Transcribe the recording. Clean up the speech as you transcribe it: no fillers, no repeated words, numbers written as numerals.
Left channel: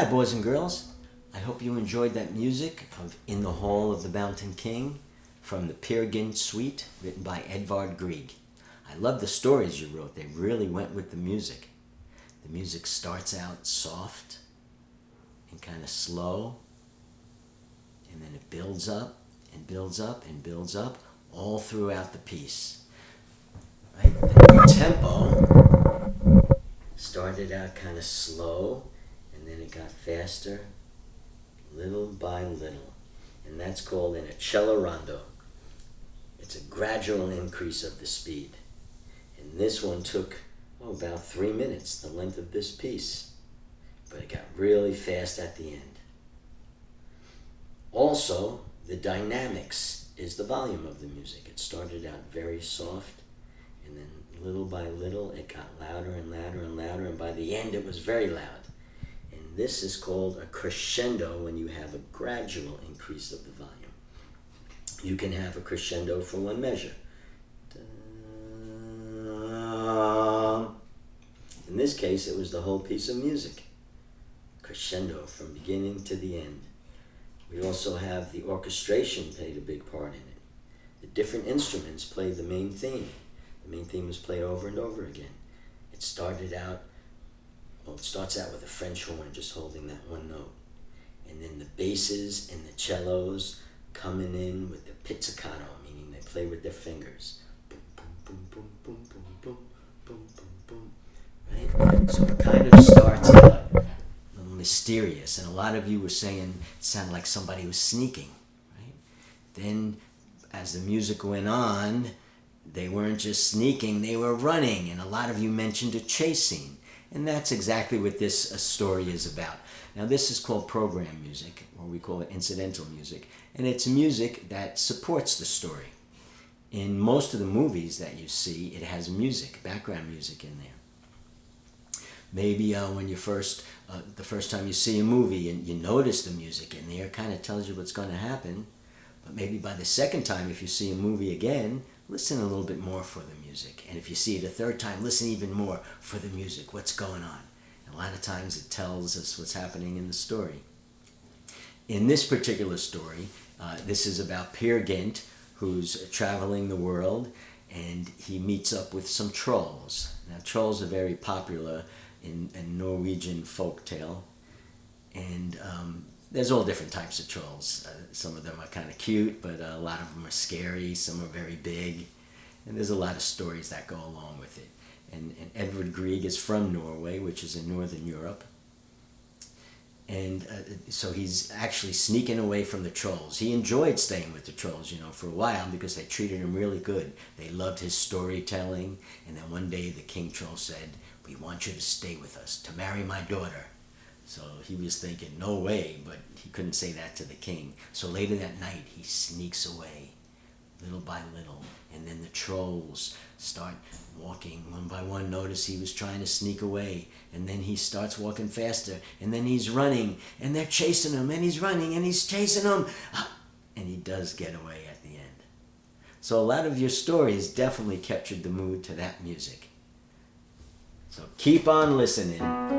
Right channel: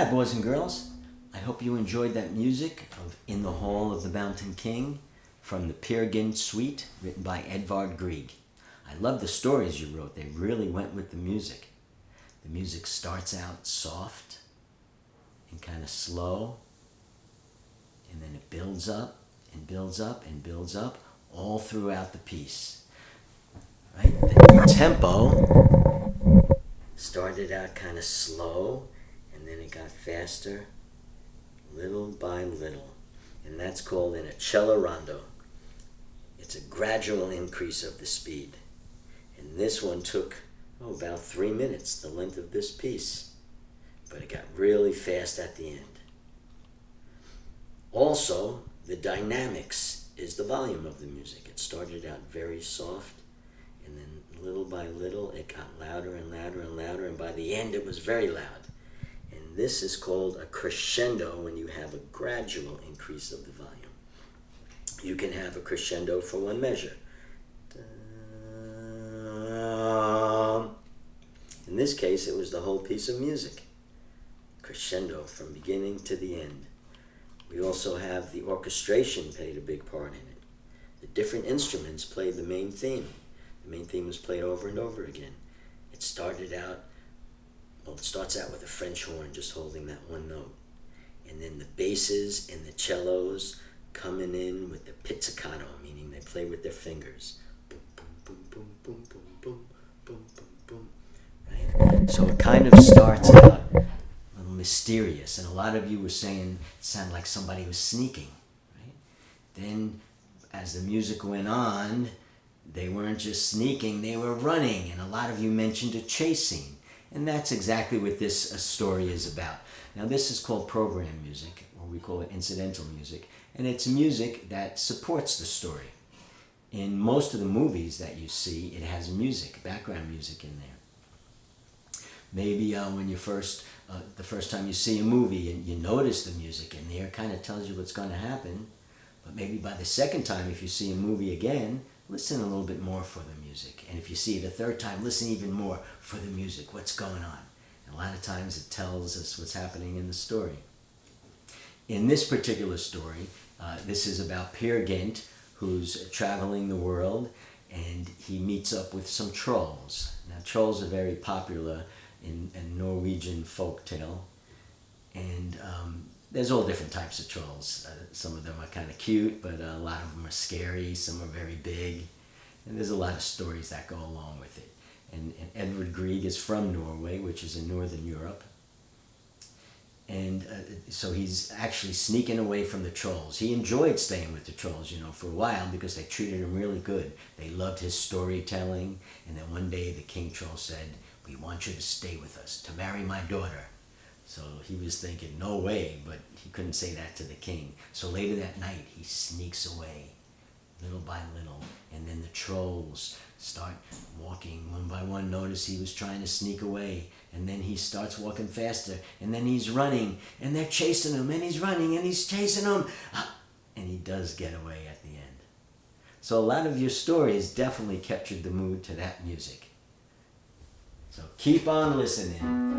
Hi, boys and girls. I hope you enjoyed that music of In the Hall of the Mountain King from the Peer Gynt Suite, written by Edvard Grieg. I love the stories you wrote. They really went with the music. The music starts out soft and kind of slow, and then it builds up and builds up and builds up all throughout the piece. Right? The tempo started out kind of slow, and then it got faster, little by little. And that's called an accelerando. It's a gradual increase of the speed. And this one took, about 3 minutes, the length of this piece. But it got really fast at the end. Also, the dynamics is the volume of the music. It started out very soft, and then little by little it got louder and louder and louder, and by the end it was very loud. And this is called a crescendo when you have a gradual increase of the volume. You can have a crescendo for one measure. In this case, it was the whole piece of music. Crescendo from beginning to the end. We also have the orchestration played a big part in it. The different instruments played the main theme. The main theme was played over and over again. It starts out with a French horn just holding that one note. And then the basses and the cellos coming in with the pizzicato, meaning they play with their fingers. Boom, boom, boom, boom, boom, boom, boom, boom, boom, boom. Right? So it kind of starts out a little mysterious. And a lot of you were saying it sounded like somebody was sneaking. Right? Then as the music went on, they weren't just sneaking, they were running. And a lot of you mentioned a chase scene. And that's exactly what this story is about. Now, this is called program music, or we call it incidental music, and it's music that supports the story. In most of the movies that you see, it has music, background music in there. Maybe when the first time you see a movie and you notice the music in there, it kind of tells you what's going to happen. But maybe by the second time, if you see a movie again, listen a little bit more for the music. And if you see it a third time, listen even more for the music, what's going on. And a lot of times it tells us what's happening in the story. In this particular story, this is about Peer Gynt, who's traveling the world, and he meets up with some trolls. Now, trolls are very popular in Norwegian folktale. And there's all different types of trolls. Some of them are kind of cute, but a lot of them are scary. Some are very big. And there's a lot of stories that go along with it. And Edvard Grieg is from Norway, which is in Northern Europe. And so he's actually sneaking away from the trolls. He enjoyed staying with the trolls, for a while because they treated him really good. They loved his storytelling. And then one day the king troll said, "We want you to stay with us, to marry my daughter." So he was thinking, no way, but he couldn't say that to the king. So later that night, he sneaks away, little by little. And then the trolls start walking one by one. Notice he was trying to sneak away. And then he starts walking faster. And then he's running. And they're chasing him. And he's running. And he's chasing them. And he does get away at the end. So a lot of your stories definitely captured the mood to that music. So keep on listening.